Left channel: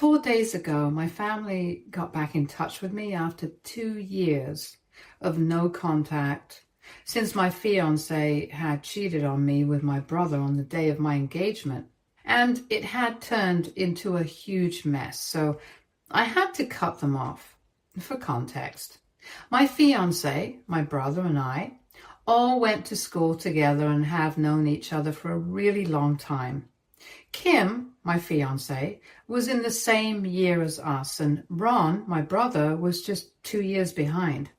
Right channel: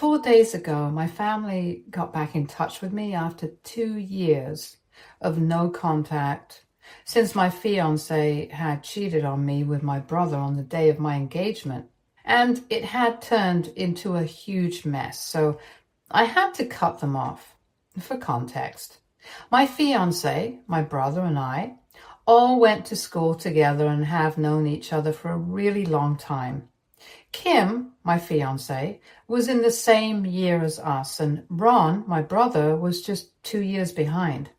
4 days ago, my family got back in touch with me after 2 years of no contact since my fiance had cheated on me with my brother on the day of my engagement. And it had turned into a huge mess, so I had to cut them off. For context, my fiance, my brother, and I all went to school together and have known each other for a really long time. Kim, my fiance, was in the same year as us, and Ron, my brother, was just 2 years behind.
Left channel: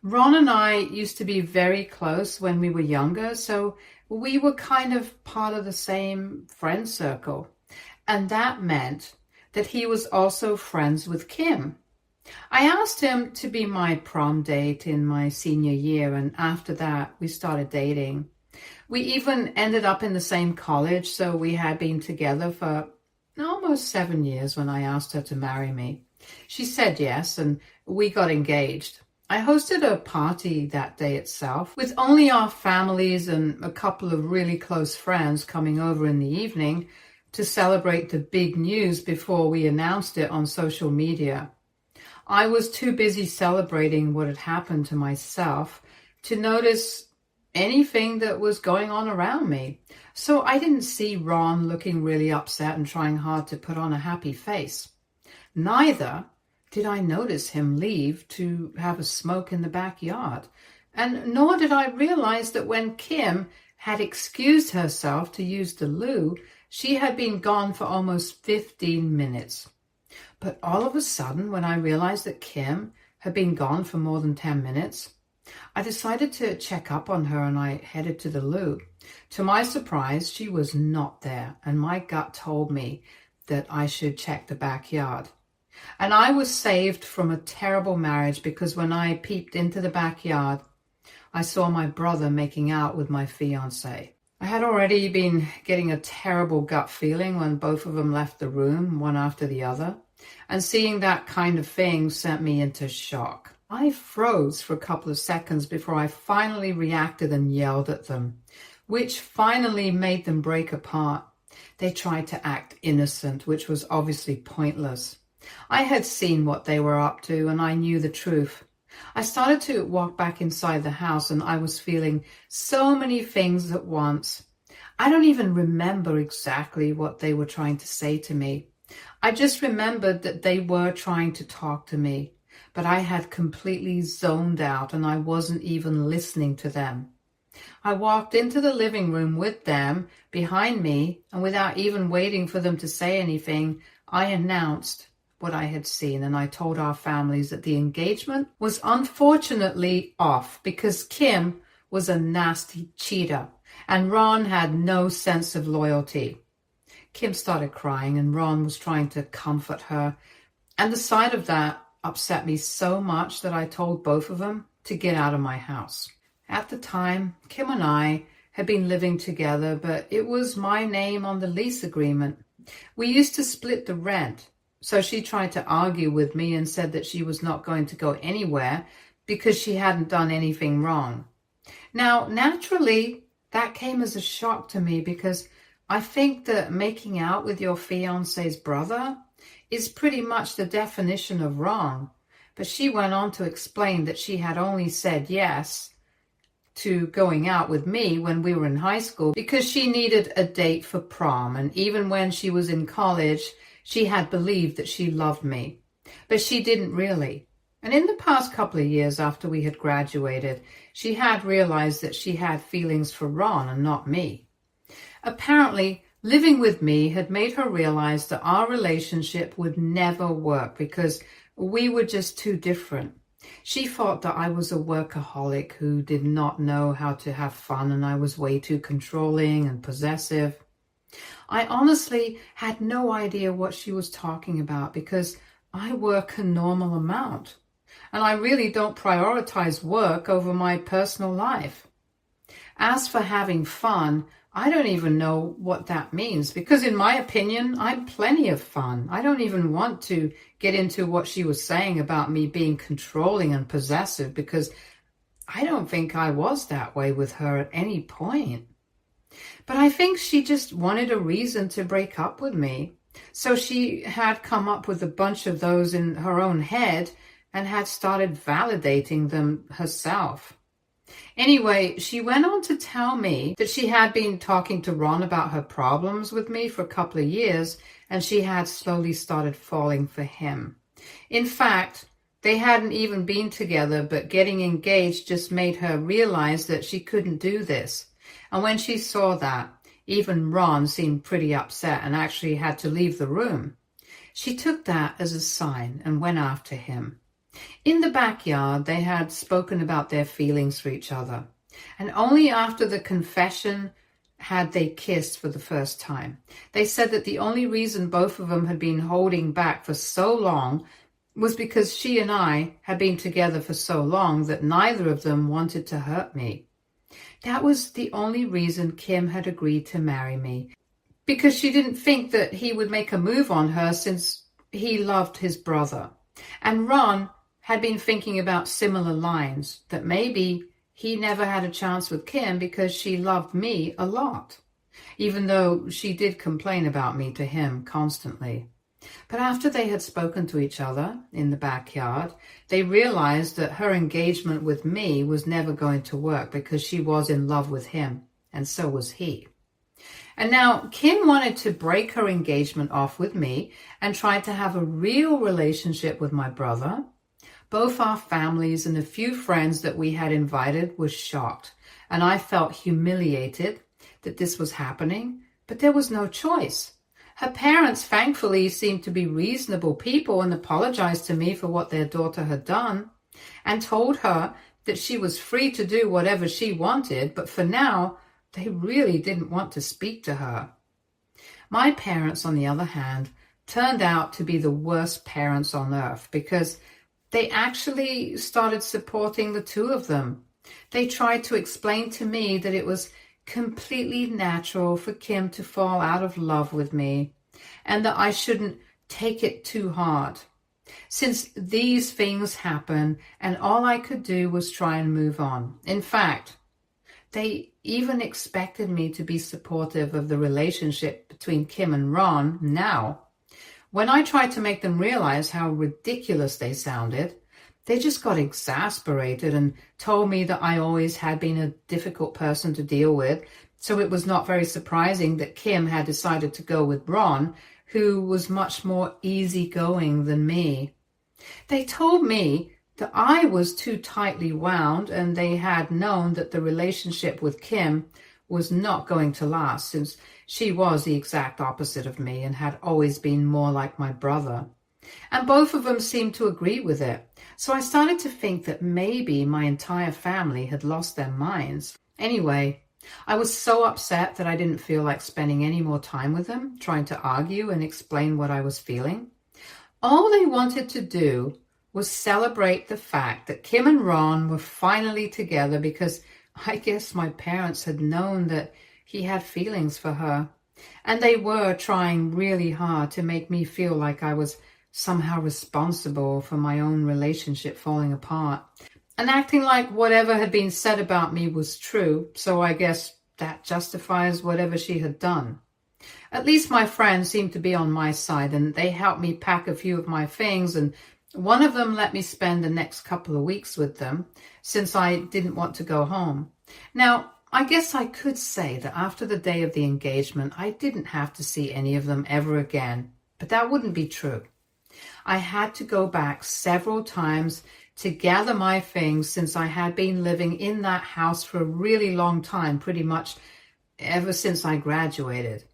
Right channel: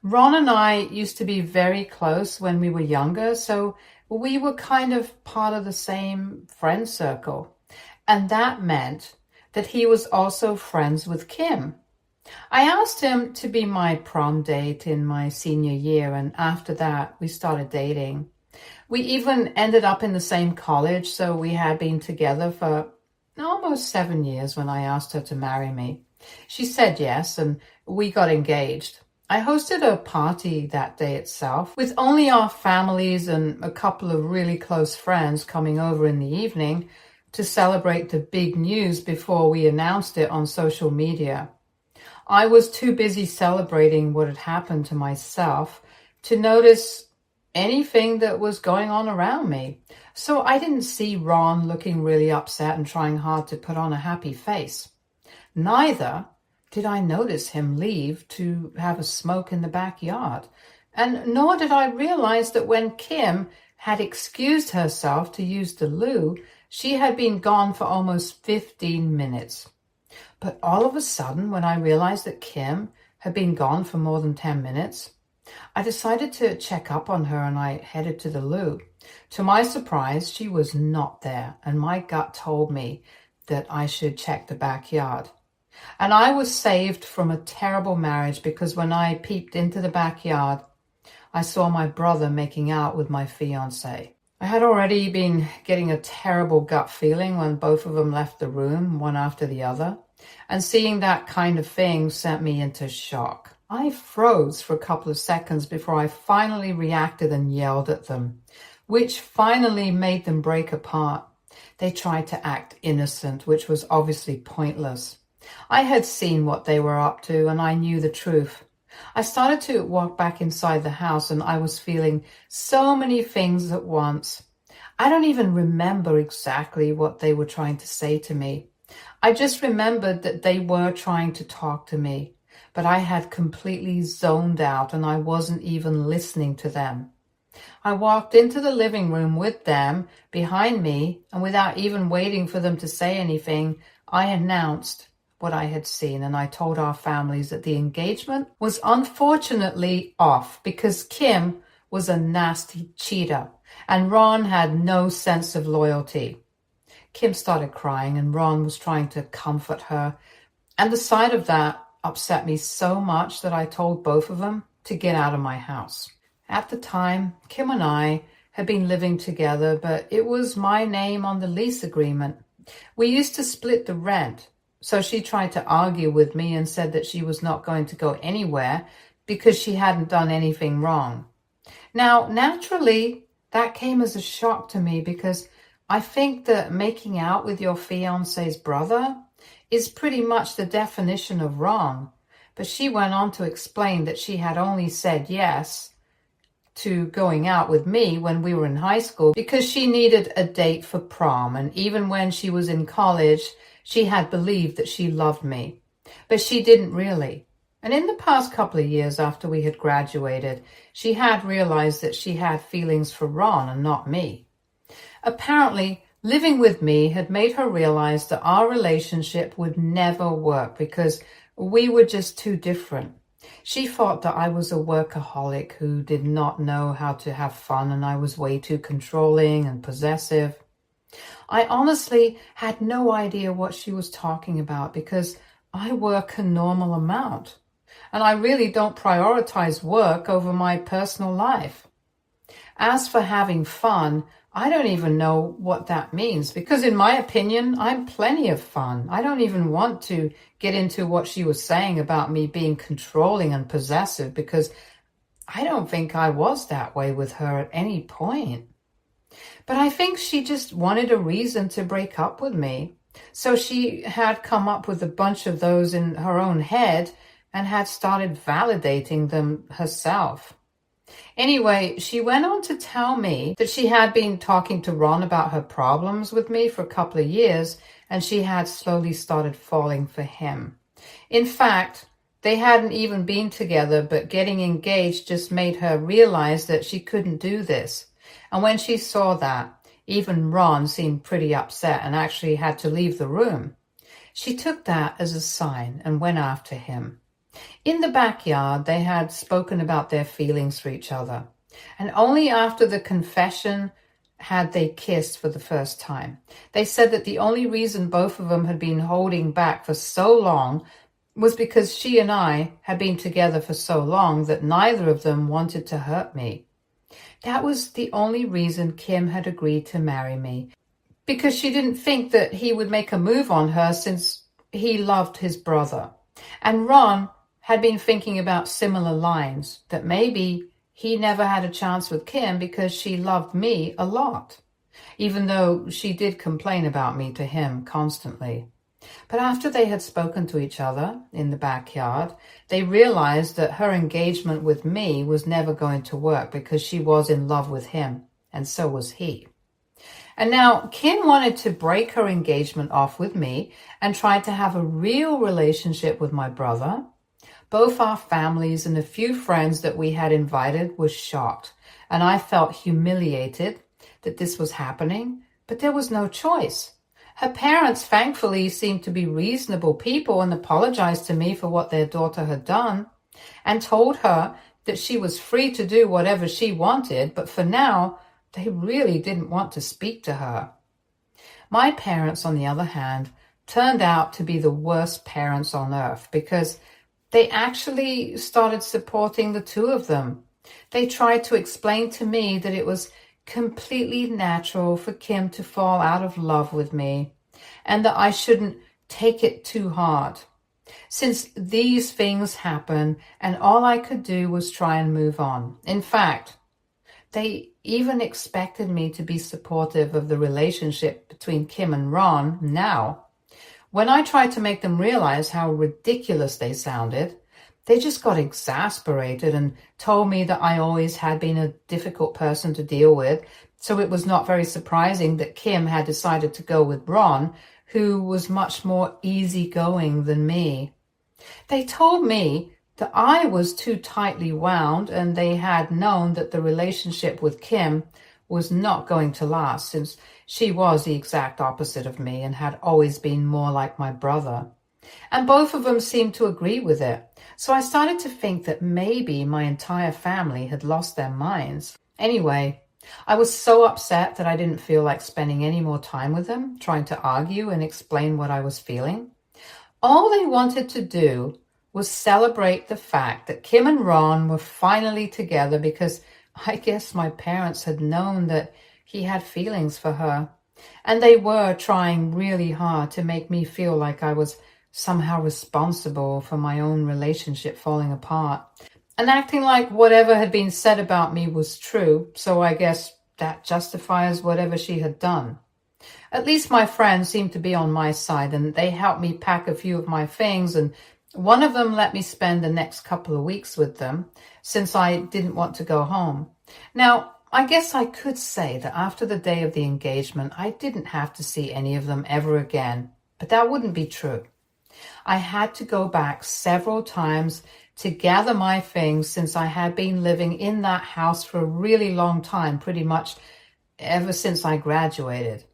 Ron and I used to be very close when we were younger, so we were kind of part of the same friend circle. And that meant that he was also friends with Kim. I asked him to be my prom date in my senior year, and after that, we started dating. We even ended up in the same college, so we had been together for almost 7 years when I asked her to marry me. She said yes, and we got engaged. I hosted a party that day itself, with only our families and a couple of really close friends coming over in the evening to celebrate the big news before we announced it on social media. I was too busy celebrating what had happened to myself to notice anything that was going on around me. So I didn't see Ron looking really upset and trying hard to put on a happy face. Neither did I notice him leave to have a smoke in the backyard. And nor did I realize that when Kim had excused herself to use the loo, she had been gone for almost 15 minutes. But all of a sudden, when I realized that Kim had been gone for more than 10 minutes, I decided to check up on her and I headed to the loo. To my surprise, she was not there, and my gut told me that I should check the backyard. And I was saved from a terrible marriage because when I peeped into the backyard, I saw my brother making out with my fiance. I had already been getting a terrible gut feeling when both of them left the room, one after the other. And seeing that kind of thing sent me into shock. I froze for a couple of seconds before I finally reacted and yelled at them, which finally made them break apart. They tried to act innocent, which was obviously pointless. I had seen what they were up to and I knew the truth. I started to walk back inside the house and I was feeling so many things at once. I don't even remember exactly what they were trying to say to me. I just remembered that they were trying to talk to me, but I had completely zoned out and I wasn't even listening to them. I walked into the living room with them behind me, and without even waiting for them to say anything, I announced what I had seen, and I told our families that the engagement was unfortunately off because Kim was a nasty cheater and Ron had no sense of loyalty. Kim started crying and Ron was trying to comfort her, and the sight of that upset me so much that I told both of them to get out of my house. At the time, Kim and I had been living together, but it was my name on the lease agreement. We used to split the rent, so she tried to argue with me and said that she was not going to go anywhere because she hadn't done anything wrong. Now, naturally, that came as a shock to me because I think that making out with your fiance's brother is pretty much the definition of wrong. But she went on to explain that she had only said yes to going out with me when we were in high school because she needed a date for prom. And even when she was in college, she had believed that she loved me. But she didn't really. And in the past couple of years after we had graduated, she had realized that she had feelings for Ron and not me. Apparently, living with me had made her realize that our relationship would never work because we were just too different. She thought that I was a workaholic who did not know how to have fun and I was way too controlling and possessive. I honestly had no idea what she was talking about because I work a normal amount and I really don't prioritize work over my personal life. As for having fun, I don't even know what that means because in my opinion, I'm plenty of fun. I don't even want to get into what she was saying about me being controlling and possessive because I don't think I was that way with her at any point. But I think she just wanted a reason to break up with me. So she had come up with a bunch of those in her own head and had started validating them herself. Anyway, she went on to tell me that she had been talking to Ron about her problems with me for a couple of years, and she had slowly started falling for him. In fact, they hadn't even been together, but getting engaged just made her realize that she couldn't do this. And when she saw that, even Ron seemed pretty upset and actually had to leave the room. She took that as a sign and went after him. In the backyard, they had spoken about their feelings for each other. And only after the confession had they kissed for the first time. They said that the only reason both of them had been holding back for so long was because she and I had been together for so long that neither of them wanted to hurt me. That was the only reason Kim had agreed to marry me, because she didn't think that he would make a move on her since he loved his brother. And Ron had been thinking about similar lines, that maybe he never had a chance with Kim because she loved me a lot, even though she did complain about me to him constantly. But after they had spoken to each other in the backyard, they realized that her engagement with me was never going to work because she was in love with him, and so was he. And now Kim wanted to break her engagement off with me and tried to have a real relationship with my brother. Both our families and a few friends that we had invited were shocked, and I felt humiliated that this was happening, but there was no choice. Her parents, thankfully, seemed to be reasonable people and apologized to me for what their daughter had done and told her that she was free to do whatever she wanted, but for now, they really didn't want to speak to her. My parents, on the other hand, turned out to be the worst parents on earth because they actually started supporting the two of them. They tried to explain to me that it was completely natural for Kim to fall out of love with me and that I shouldn't take it too hard, since these things happen and all I could do was try and move on. In fact, they even expected me to be supportive of the relationship between Kim and Ron now. When I tried to make them realize how ridiculous they sounded, they just got exasperated and told me that I always had been a difficult person to deal with, so it was not very surprising that Kim had decided to go with Ron, who was much more easygoing than me. They told me that I was too tightly wound, and they had known that the relationship with Kim was not going to last, since she was the exact opposite of me and had always been more like my brother. And both of them seemed to agree with it. So I started to think that maybe my entire family had lost their minds. Anyway, I was so upset that I didn't feel like spending any more time with them, trying to argue and explain what I was feeling. All they wanted to do was celebrate the fact that Kim and Ron were finally together, because I guess my parents had known that he had feelings for her. And they were trying really hard to make me feel like I was somehow responsible for my own relationship falling apart, and acting like whatever had been said about me was true, so I guess that justifies whatever she had done. At least my friends seemed to be on my side, and they helped me pack a few of my things, and one of them let me spend the next couple of weeks with them, since I didn't want to go home. Now, I guess I could say that after the day of the engagement, I didn't have to see any of them ever again, but that wouldn't be true. I had to go back several times to gather my things, since I had been living in that house for a really long time, pretty much ever since I graduated.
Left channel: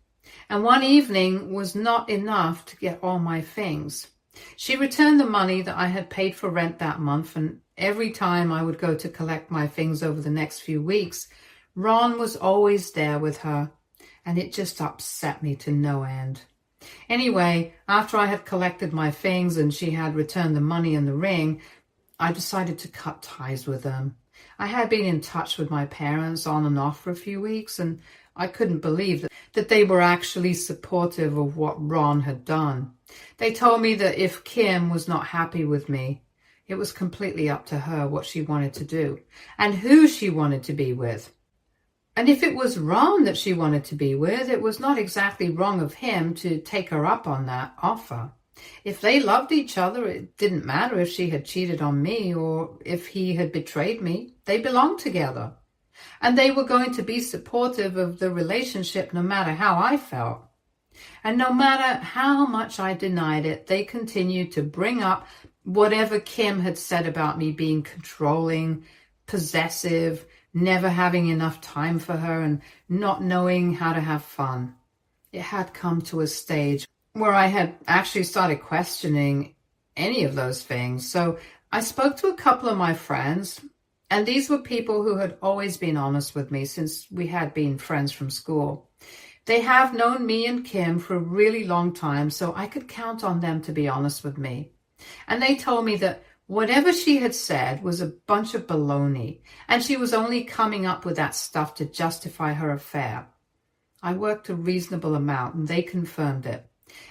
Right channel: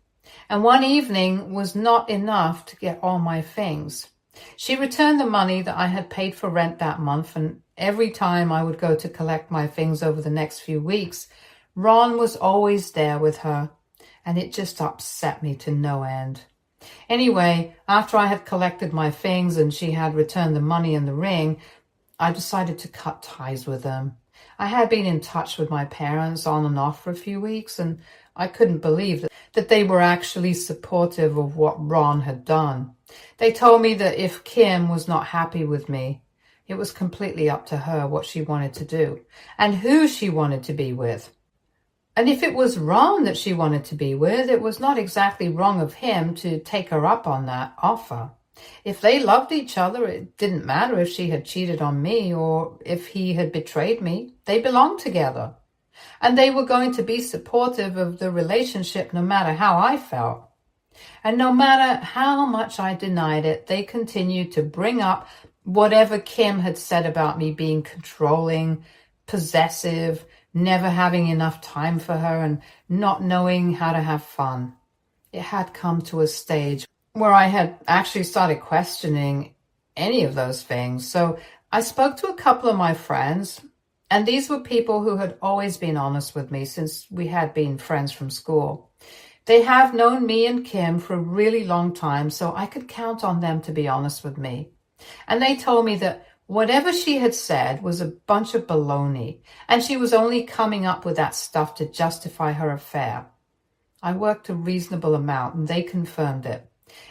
And one evening was not enough to get all my things. She returned the money that I had paid for rent that month, and every time I would go to collect my things over the next few weeks, Ron was always there with her, and it just upset me to no end. Anyway, after I had collected my things and she had returned the money and the ring, I decided to cut ties with them. I had been in touch with my parents on and off for a few weeks, and I couldn't believe that they were actually supportive of what Ron had done. They told me that if Kim was not happy with me, it was completely up to her what she wanted to do and who she wanted to be with. And if it was Ron that she wanted to be with, it was not exactly wrong of him to take her up on that offer. If they loved each other, it didn't matter if she had cheated on me or if he had betrayed me. They belonged together. And they were going to be supportive of the relationship no matter how I felt. And no matter how much I denied it, they continued to bring up whatever Kim had said about me being controlling, possessive, never having enough time for her, and not knowing how to have fun. It had come to a stage where I had actually started questioning any of those things. So I spoke to a couple of my friends, and these were people who had always been honest with me since we had been friends from school. They have known me and Kim for a really long time, so I could count on them to be honest with me. And they told me that whatever she had said was a bunch of baloney, and she was only coming up with that stuff to justify her affair. I worked a reasonable amount, and they confirmed it.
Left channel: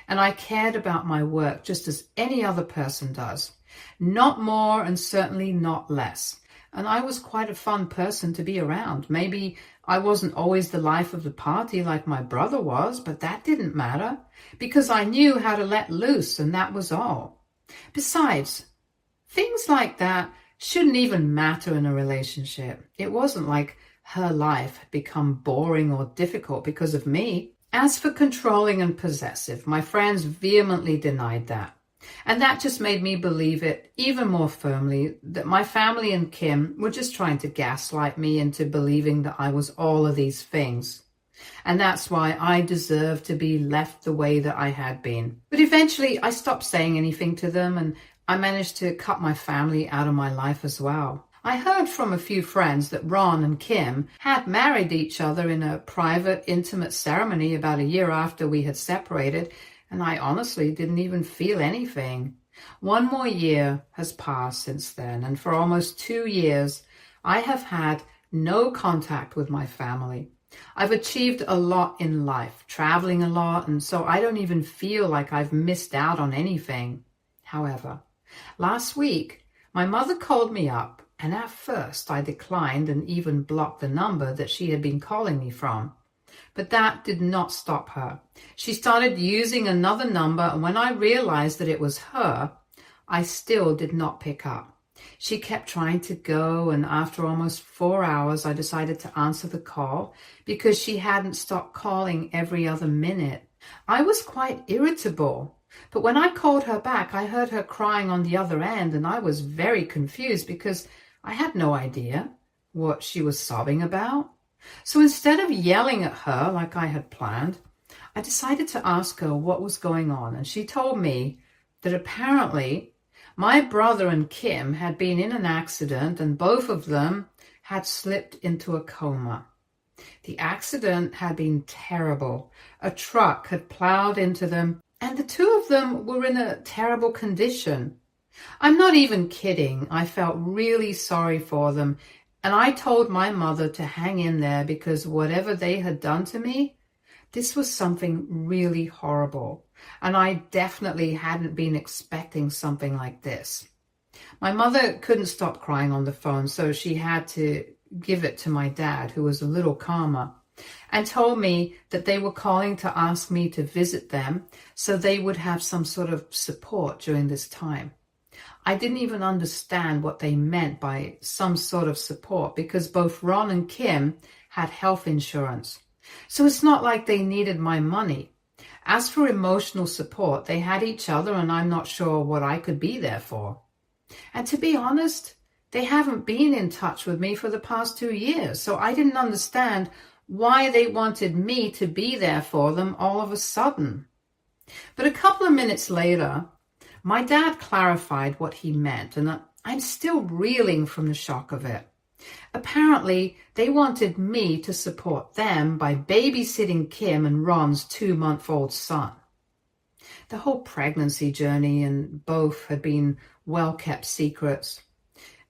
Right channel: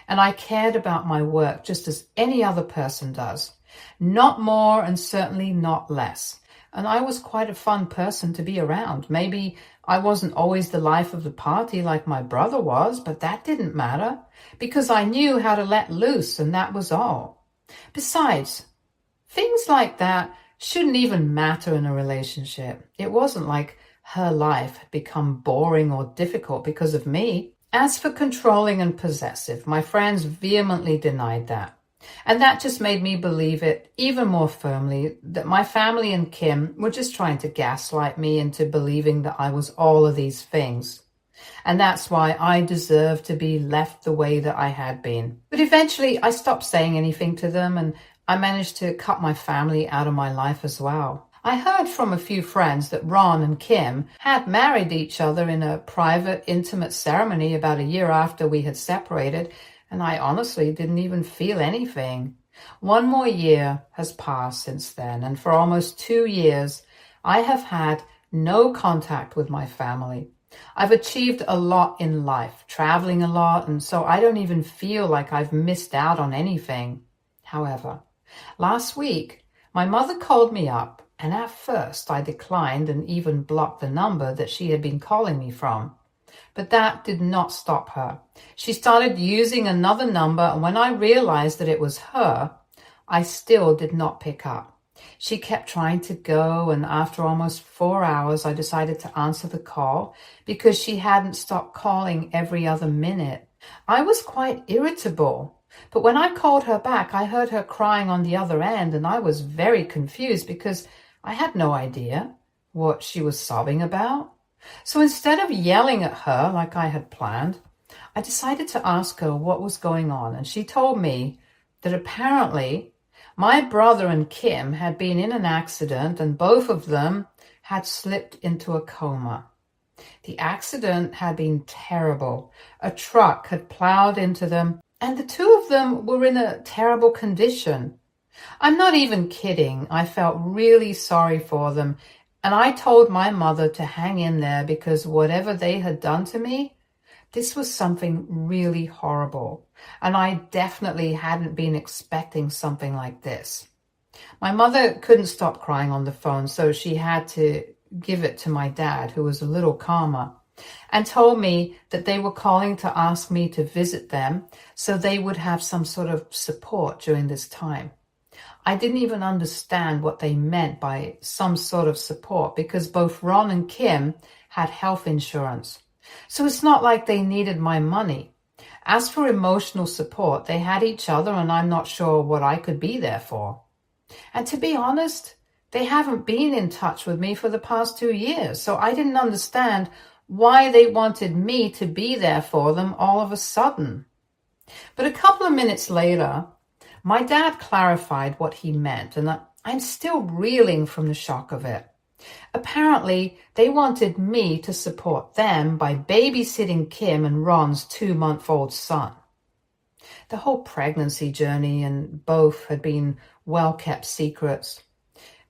And I cared about my work just as any other person does. Not more and certainly not less. And I was quite a fun person to be around. Maybe I wasn't always the life of the party like my brother was, but that didn't matter because I knew how to let loose, and that was all. Besides, things like that shouldn't even matter in a relationship. It wasn't like her life had become boring or difficult because of me. As for controlling and possessive, my friends vehemently denied that. And that just made me believe it even more firmly that my family and Kim were just trying to gaslight me into believing that I was all of these things. And that's why I deserved to be left the way that I had been. But eventually I stopped saying anything to them, and I managed to cut my family out of my life as well. I heard from a few friends that Ron and Kim had married each other in a private, intimate ceremony about a year after we had separated, and I honestly didn't even feel anything. 1 more year has passed since then, and for almost 2 years, I have had no contact with my family. I've achieved a lot in life, traveling a lot, and so I don't even feel like I've missed out on anything. However, last week, my mother called me up, and at first I declined and even blocked the number that she had been calling me from. But that did not stop her. She started using another number, and when I realized that it was her, I still did not pick up. She kept trying to go, and after almost 4 hours, I decided to answer the call because she hadn't stopped calling every other minute. I was quite irritable, but when I called her back, I heard her crying on the other end, and I was very confused because I had no idea what she was sobbing about. So instead of yelling at her like I had planned, I decided to ask her what was going on, and she told me that apparently my brother and Kim had been in an accident and both of them had slipped into a coma. The accident had been terrible. A truck had plowed into them, and the two of them were in a terrible condition. I'm not even kidding. I felt really sorry for them, and I told my mother to hang in there because whatever they had done to me, this was something really horrible, and I definitely hadn't been expecting something like this. My mother couldn't stop crying on the phone, so she had to give it to my dad, who was a little calmer, and told me that they were calling to ask me to visit them so they would have some sort of support during this time. I didn't even understand what they meant by some sort of support because both Ron and Kim had health insurance. So it's not like they needed my money. As for emotional support, they had each other, and I'm not sure what I could be there for. And to be honest, they haven't been in touch with me for the past 2 years, so I didn't understand why they wanted me to be there for them all of a sudden. But a couple of minutes later, my dad clarified what he meant, and I'm still reeling from the shock of it. Apparently, they wanted me to support them by babysitting Kim and Ron's 2-month-old son. The whole pregnancy journey and both had been well-kept secrets,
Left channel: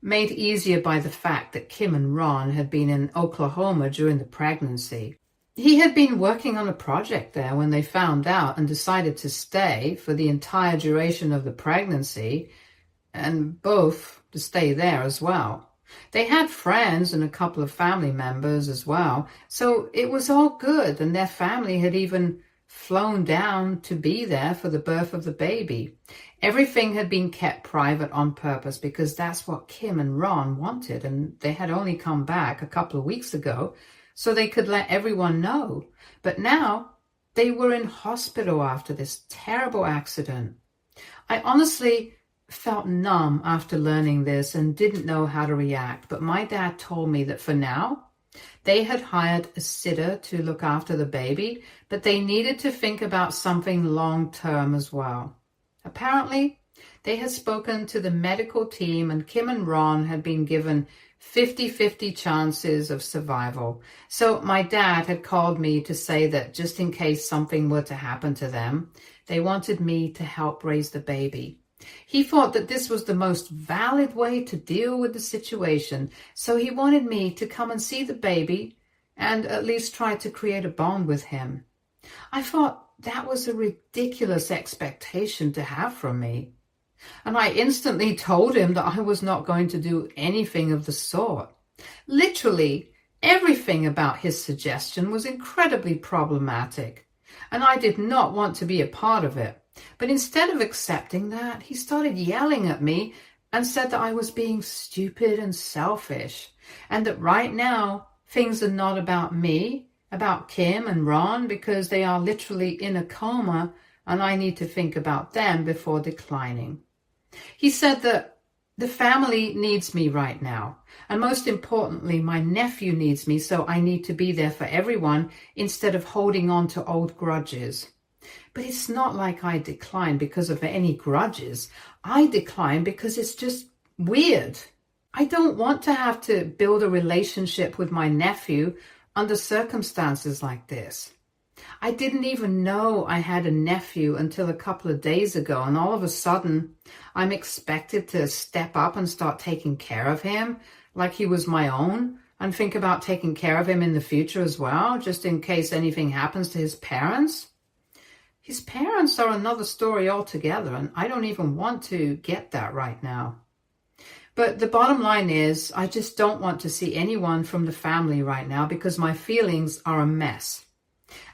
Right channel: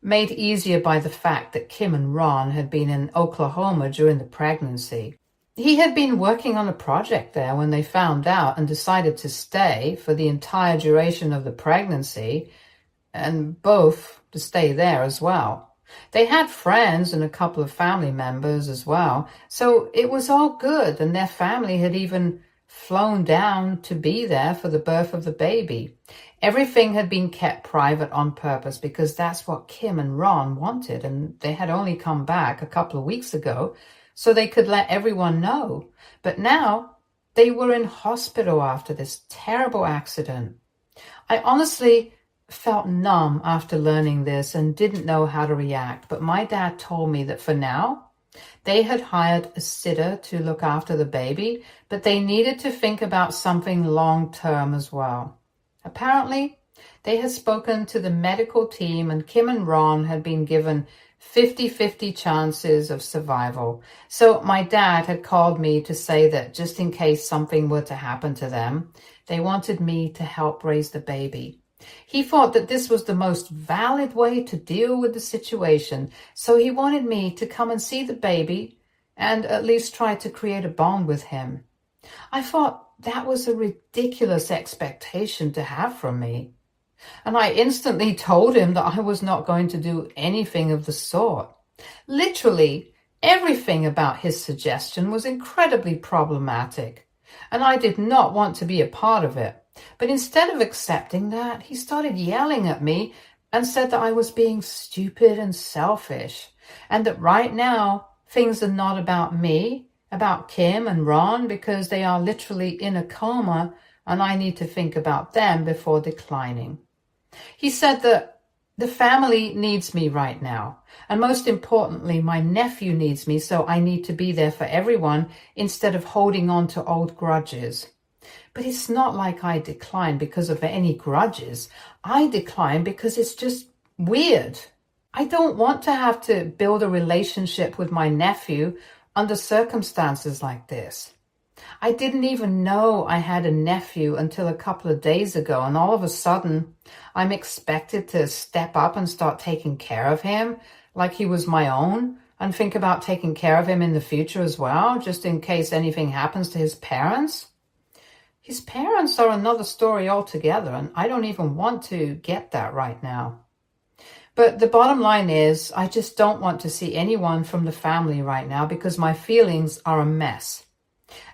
made easier by the fact that Kim and Ron had been in Oklahoma during the pregnancy. He had been working on a project there when they found out and decided to stay for the entire duration of the pregnancy, and both to stay there as well. They had friends and a couple of family members as well, so it was all good, and their family had even flown down to be there for the birth of the baby. Everything had been kept private on purpose because that's what Kim and Ron wanted, and they had only come back a couple of weeks ago so they could let everyone know. But now they were in hospital after this terrible accident. I honestly felt numb after learning this and didn't know how to react, but my dad told me that for now, they had hired a sitter to look after the baby, but they needed to think about something long-term as well. Apparently, they had spoken to the medical team and Kim and Ron had been given 50-50 chances of survival. So my dad had called me to say that just in case something were to happen to them, they wanted me to help raise the baby. He thought that this was the most valid way to deal with the situation, so he wanted me to come and see the baby and at least try to create a bond with him. I thought that was a ridiculous expectation to have from me. And I instantly told him that I was not going to do anything of the sort. Literally, everything about his suggestion was incredibly problematic, and I did not want to be a part of it. But instead of accepting that, he started yelling at me and said that I was being stupid and selfish, and that right now things are not about me, about Kim and Ron, because they are literally in a coma and I need to think about them before declining. He said that the family needs me right now, and most importantly, my nephew needs me, so I need to be there for everyone instead of holding on to old grudges. But it's not like I decline because of any grudges. I decline because it's just weird. I don't want to have to build a relationship with my nephew under circumstances like this. I didn't even know I had a nephew until a couple of days ago, and all of a sudden, I'm expected to step up and start taking care of him like he was my own, and think about taking care of him in the future as well, just in case anything happens to his parents. His parents are another story altogether, and I don't even want to get that right now. But the bottom line is, I just don't want to see anyone from the family right now because my feelings are a mess.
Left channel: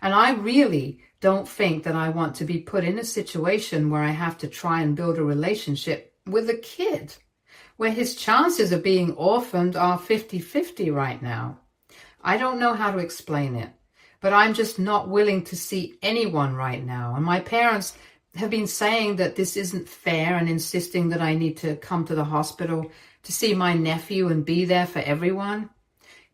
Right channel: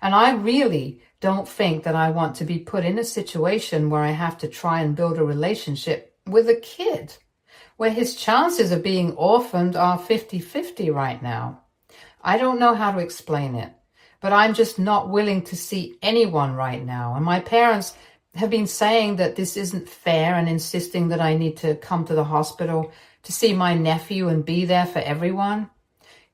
And I really don't think that I want to be put in a situation where I have to try and build a relationship with a kid, where his chances of being orphaned are 50-50 right now. I don't know how to explain it, but I'm just not willing to see anyone right now. And my parents have been saying that this isn't fair and insisting that I need to come to the hospital to see my nephew and be there for everyone.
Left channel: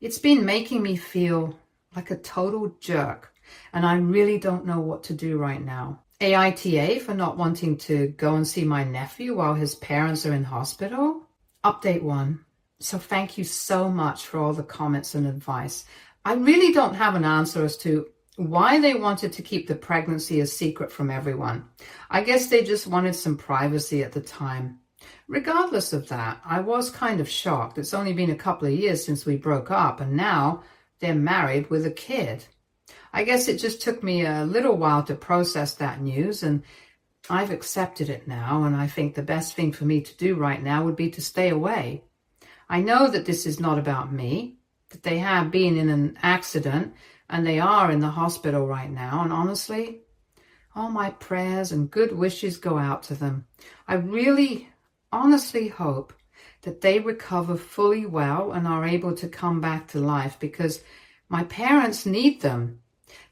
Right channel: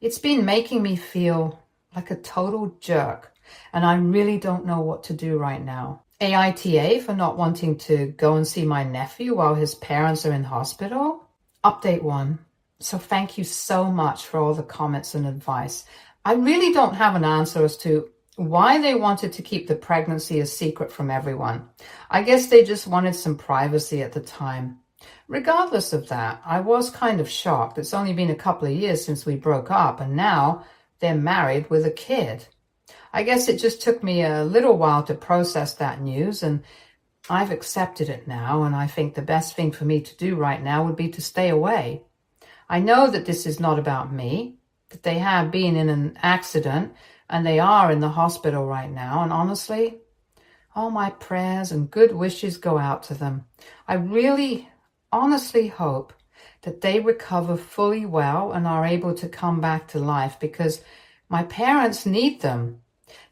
It's been making me feel like a total jerk, and I really don't know what to do right now. AITA for not wanting to go and see my nephew while his parents are in hospital. Update 1. So thank you so much for all the comments and advice. I really don't have an answer as to why they wanted to keep the pregnancy a secret from everyone. I guess they just wanted some privacy at the time. Regardless of that, I was kind of shocked. It's only been a couple of years since we broke up, and now they're married with a kid. I guess it just took me a little while to process that news, and I've accepted it now, and I think the best thing for me to do right now would be to stay away. I know that this is not about me, that they have been in an accident, and they are in the hospital right now, and honestly, all my prayers and good wishes go out to them. I really, honestly hope that they recover fully well and are able to come back to life, because my parents need them.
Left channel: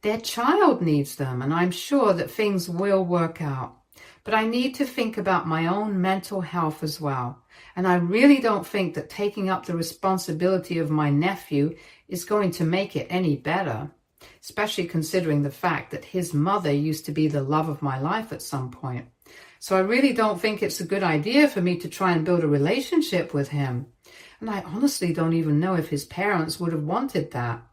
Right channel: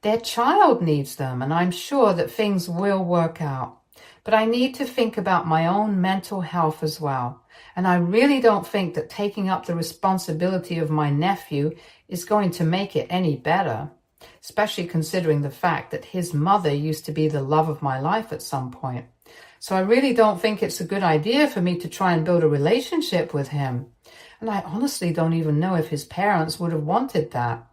Their child needs them, and I'm sure that things will work out. But I need to think about my own mental health as well. And I really don't think that taking up the responsibility of my nephew is going to make it any better, especially considering the fact that his mother used to be the love of my life at some point. So I really don't think it's a good idea for me to try and build a relationship with him. And I honestly don't even know if his parents would have wanted that.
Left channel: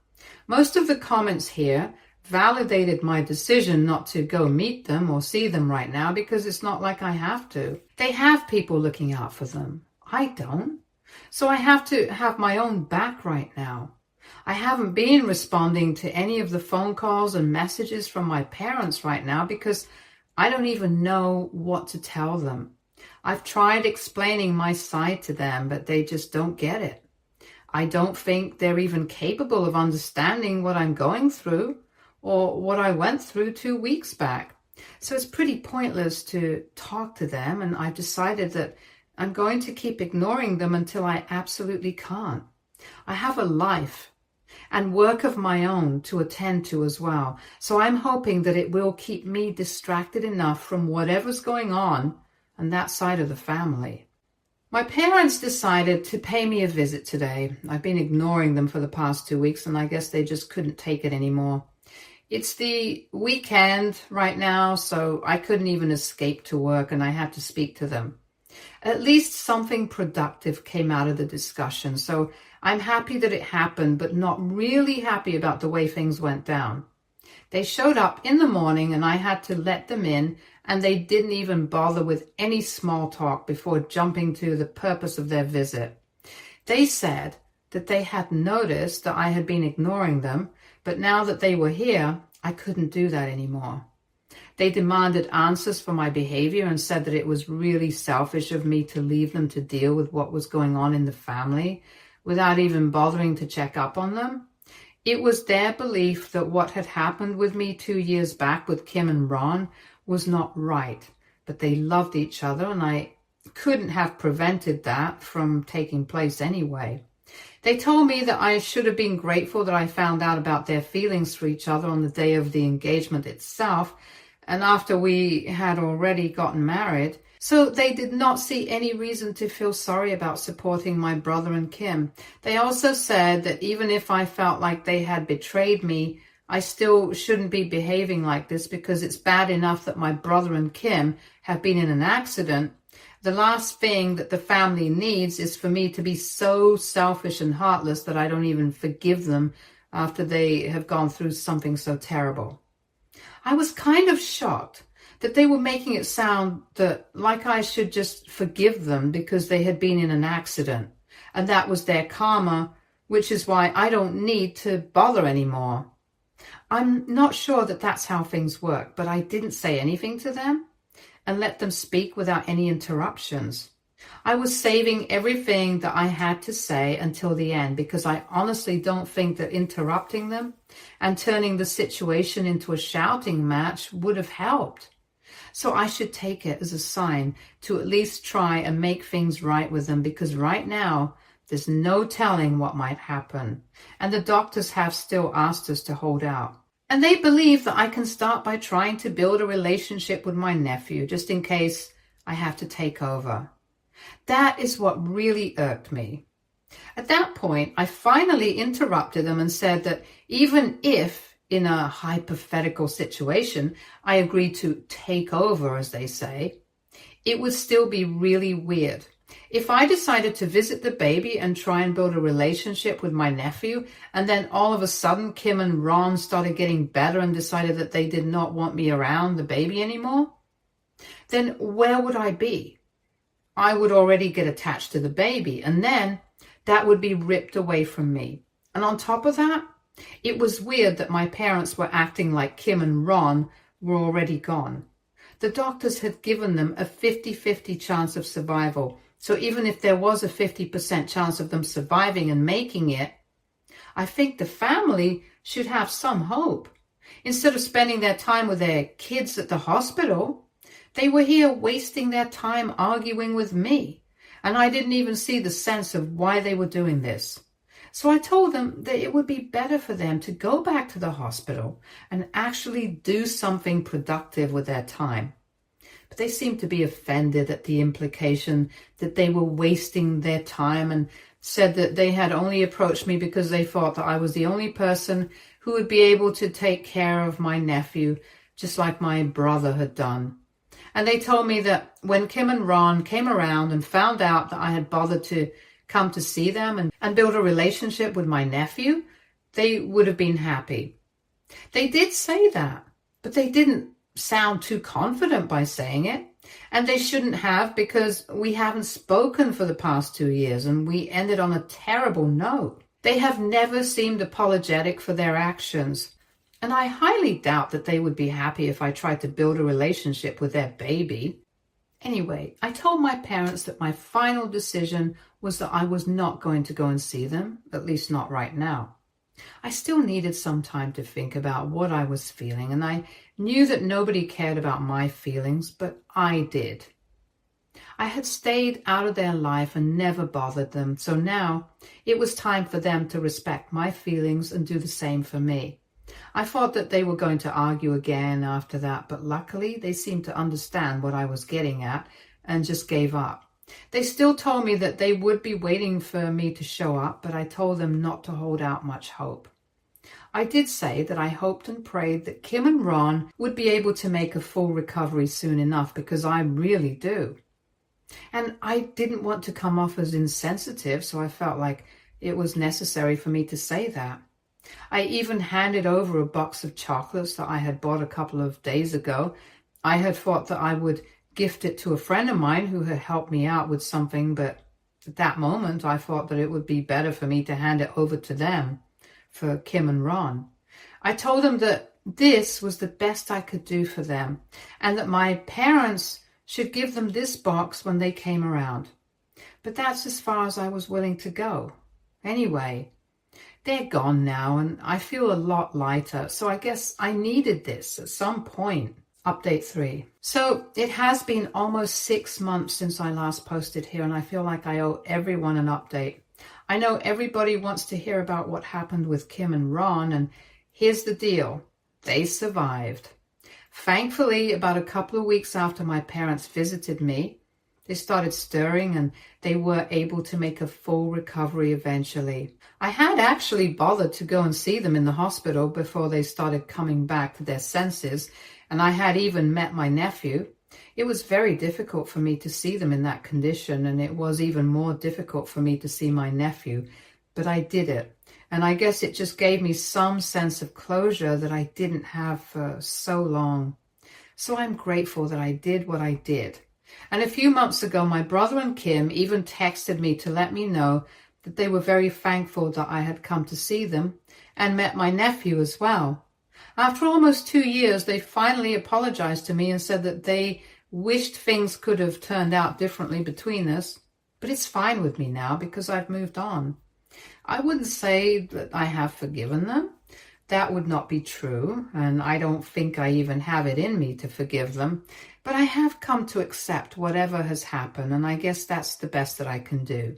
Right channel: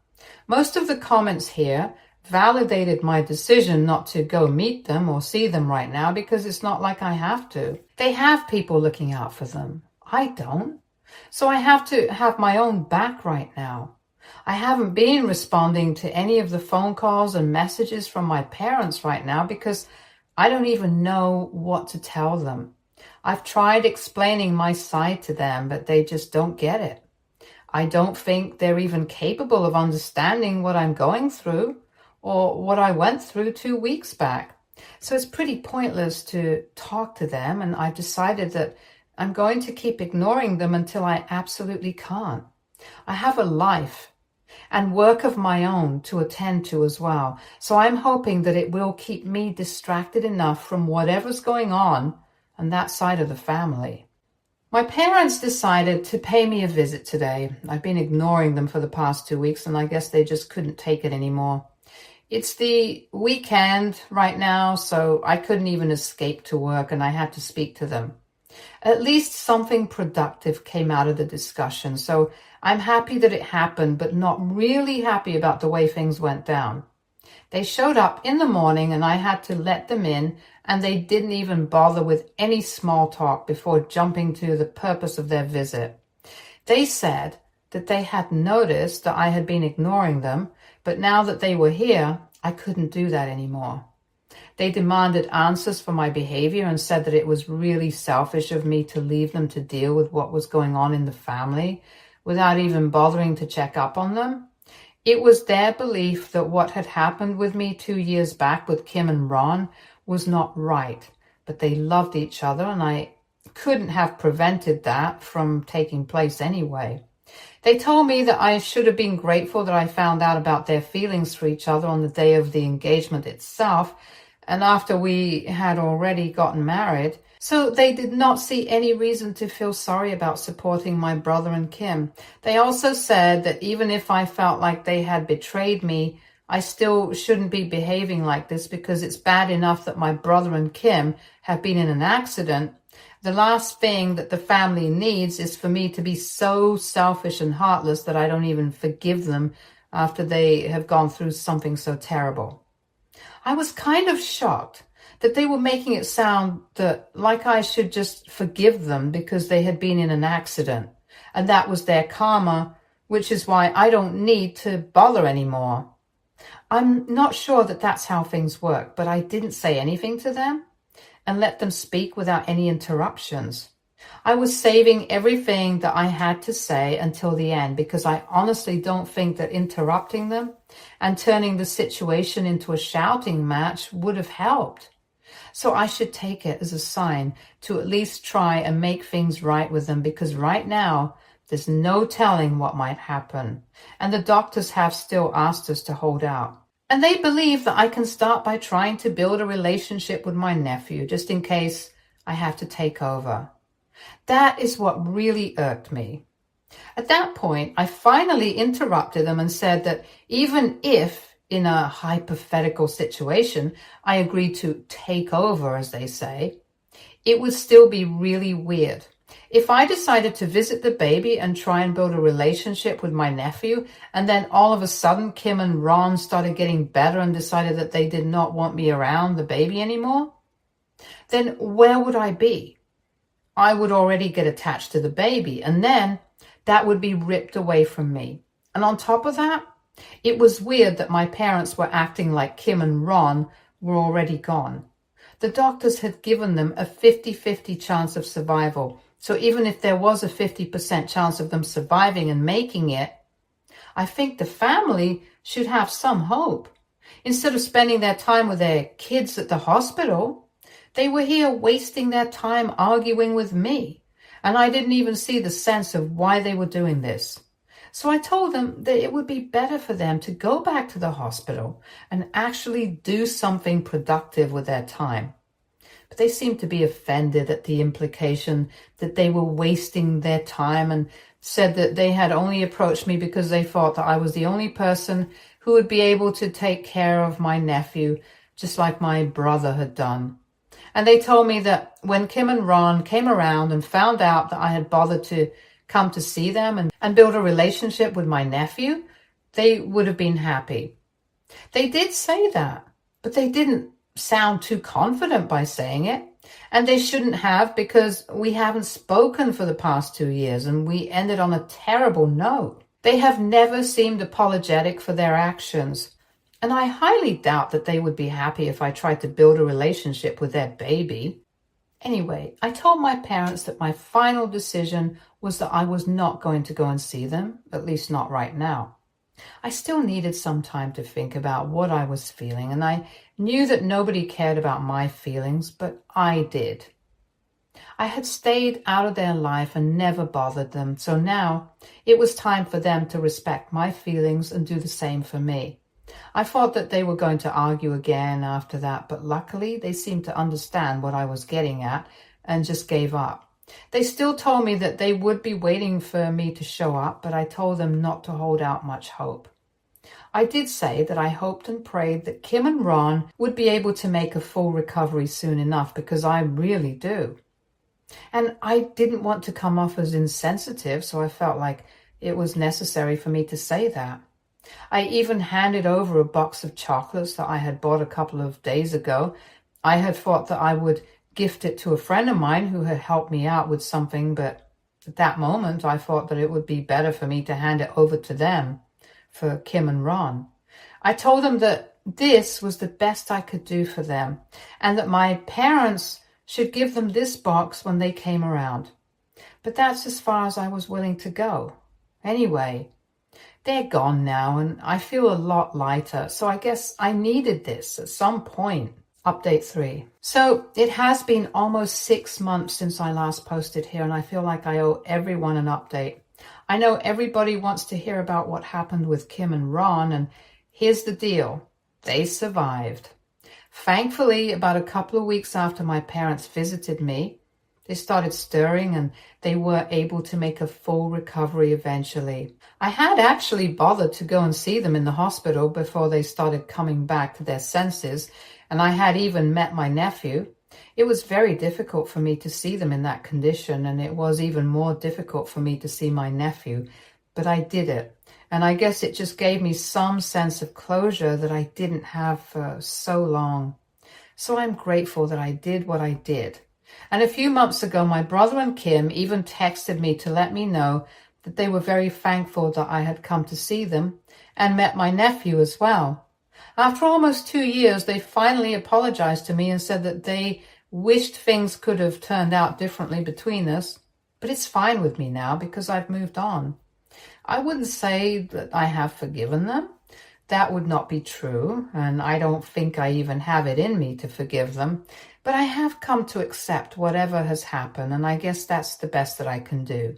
Most of the comments here validated my decision not to go meet them or see them right now, because it's not like I have to. They have people looking out for them. I don't. So I have to have my own back right now. I haven't been responding to any of the phone calls and messages from my parents right now because I don't even know what to tell them. I've tried explaining my side to them, but they just don't get it. I don't think they're even capable of understanding what I'm going through or what I went through 2 weeks back. So it's pretty pointless to talk to them, and I've decided that I'm going to keep ignoring them until I absolutely can't. I have a life and work of my own to attend to as well. So I'm hoping that it will keep me distracted enough from whatever's going on that side of the family. My parents decided to pay me a visit today. I've been ignoring them for the past 2 weeks, and I guess they just couldn't take it anymore. It's the weekend right now, so I couldn't even escape to work, and I had to speak to them. At least something productive came out of the discussion, so I'm happy that it happened, but not really happy about the way things went down. They showed up in the morning, and I had to let them in, and they didn't even bother with any small talk before jumping to the purpose of their visit. They said that they had noticed that I had been ignoring them, but now that they were here, I couldn't do that anymore. They demanded answers for my behavior and said that it was really selfish of me to leave them to deal with what was going on in the family without even bothering to check up on them. It was their belief that what had happened with me 2 years back with Kim and Ron was not right, but they loved each other, and I couldn't have prevented that from taking place anyway. They told me that I should have been grateful that I found out about their feelings for each other on the day of the engagement itself, and after we had already gotten married. So they did not see any reason to feel sorry about supporting my brother and Kim. They also said that even if I felt like they had betrayed me, I still shouldn't be behaving like this because it's bad enough that my brother and Kim have been in an accident. The last thing that the family needs is for me to be so selfish and heartless that I don't even forgive them after they have gone through something so terrible. I was kind of shocked that they were making it sound that like I should just forgive them because they had been in an accident, and that was their karma, which is why I don't need to bother anymore. I'm not sure that that's how things work, but I didn't say anything to them and let them speak without any interruptions. I was saving everything that I had to say until the end because I honestly don't think that interrupting them and turning the situation into a shouting match would have helped. So I should take it as a sign to at least try and make things right with them, because right now there's no telling what might happen. And the doctors have still asked us to hold out. And they believe that I can start by trying to build a relationship with my nephew, just in case I have to take over. That is what really irked me. At that point, I finally interrupted them and said that even if, in a hypothetical situation, I agreed to take over, as they say, it would still be really weird. If I decided to visit the baby and try and build a relationship with my nephew, and then all of a sudden Kim and Ron started getting better and decided that they did not want me around the baby anymore, then where would I be? I would already get attached to the baby, and then that would be ripped away from me. And on top of that, it was weird that my parents were acting like Kim and Ron were already gone. The doctors had given them a 50-50 chance of survival. So even if there was a 50% chance of them surviving and making it, I think the family should have some hope. Instead of spending their time with their kids at the hospital, they were here wasting their time arguing with me. And I didn't even see the sense of why they were doing this. So I told them that it would be better for them to go back to the hospital and actually do something productive with their time. But they seemed to be offended at the implication that they were wasting their time, and said that they had only approached me because they thought that I was the only person who would be able to take care of my nephew, just like my brother had done. And they told me that when Kim and Ron came around and found out that I had bothered to come to see them and build a relationship with my nephew, they would have been happy. They did say that, but they didn't sound too confident by saying it. And they shouldn't have, because we haven't spoken for the past 2 years and we ended on a terrible note. They have never seemed apologetic for their actions. And I highly doubt that they would be happy if I tried to build a relationship with their baby. Anyway, I told my parents that my final decision was that I was not going to go and see them, at least not right now. I still needed some time to think about what I was feeling, and I knew that nobody cared about my feelings, but I did. I had stayed out of their life and never bothered them, so now it was time for them to respect my feelings and do the same for me. I thought that they were going to argue again after that, but luckily they seemed to understand what I was getting at and just gave up. They still told me that they would be waiting for me to show up, but I told them not to hold out much hope. I did say that I hoped and prayed that Kim and Ron would be able to make a full recovery soon enough, because I really do. And I didn't want to come off as insensitive, so I felt like it was necessary for me to say that. I even handed over a box of chocolates that I had bought a couple of days ago. I had thought that I would gift it to a friend of mine who had helped me out with something, but at that moment I thought that it would be better for me to hand it over to them, for Kim and Ron. I told them that this was the best I could do for them, and that my parents should give them this box when they came around. But that's as far as I was willing to go. Anyway, they're gone now, and I feel a lot lighter, so I guess I needed this at some point. Update 3. So it has been almost 6 months since I last posted here, and I feel like I owe everyone an update. I know everybody wants to hear about what happened with Kim and Ron, and here's the deal. They survived. Thankfully, about a couple of weeks after my parents visited me, they started stirring and they were able to make a full recovery eventually. I had actually bothered to go and see them in the hospital before they started coming back to their senses, and I had even met my nephew. It was very difficult for me to see them in that condition, and it was even more difficult for me to see my nephew, but I did it. And I guess it just gave me some sense of closure that I didn't have for so long. So I'm grateful that I did what I did. And a few months ago, my brother and Kim even texted me to let me know that they were very thankful that I had come to see them and met my nephew as well. After almost 2 years, they finally apologized to me and said that they wished things could have turned out differently between us. But it's fine with me now because I've moved on. I wouldn't say that I have forgiven them. That would not be true, and I don't think I even have it in me to forgive them. But I have come to accept whatever has happened, and I guess that's the best that I can do.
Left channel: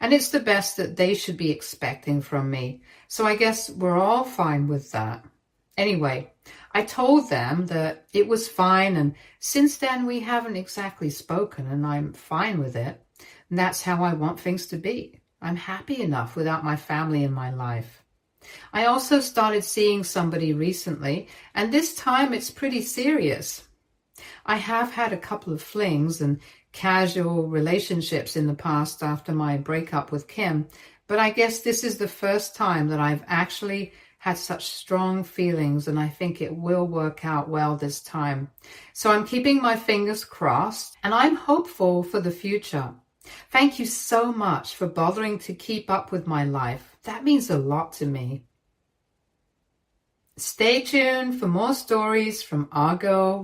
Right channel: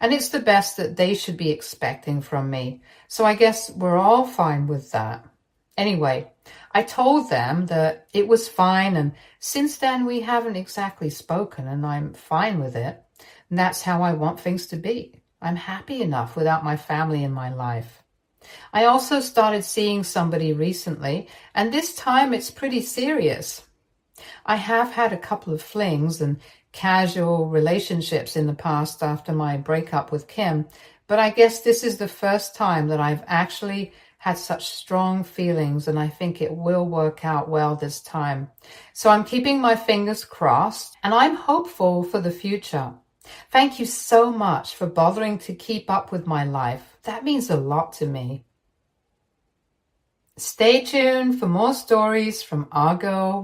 And it's the best that they should be expecting from me. So I guess we're all fine with that. Anyway, I told them that it was fine, and since then we haven't exactly spoken, and I'm fine with it. And that's how I want things to be. I'm happy enough without my family in my life. I also started seeing somebody recently, and this time it's pretty serious. I have had a couple of flings and casual relationships in the past after my breakup with Kim, but I guess this is the first time that I've actually had such strong feelings, and I think it will work out well this time. So I'm keeping my fingers crossed, and I'm hopeful for the future. Thank you so much for bothering to keep up with my life. That means a lot to me. Stay tuned for more stories from our girl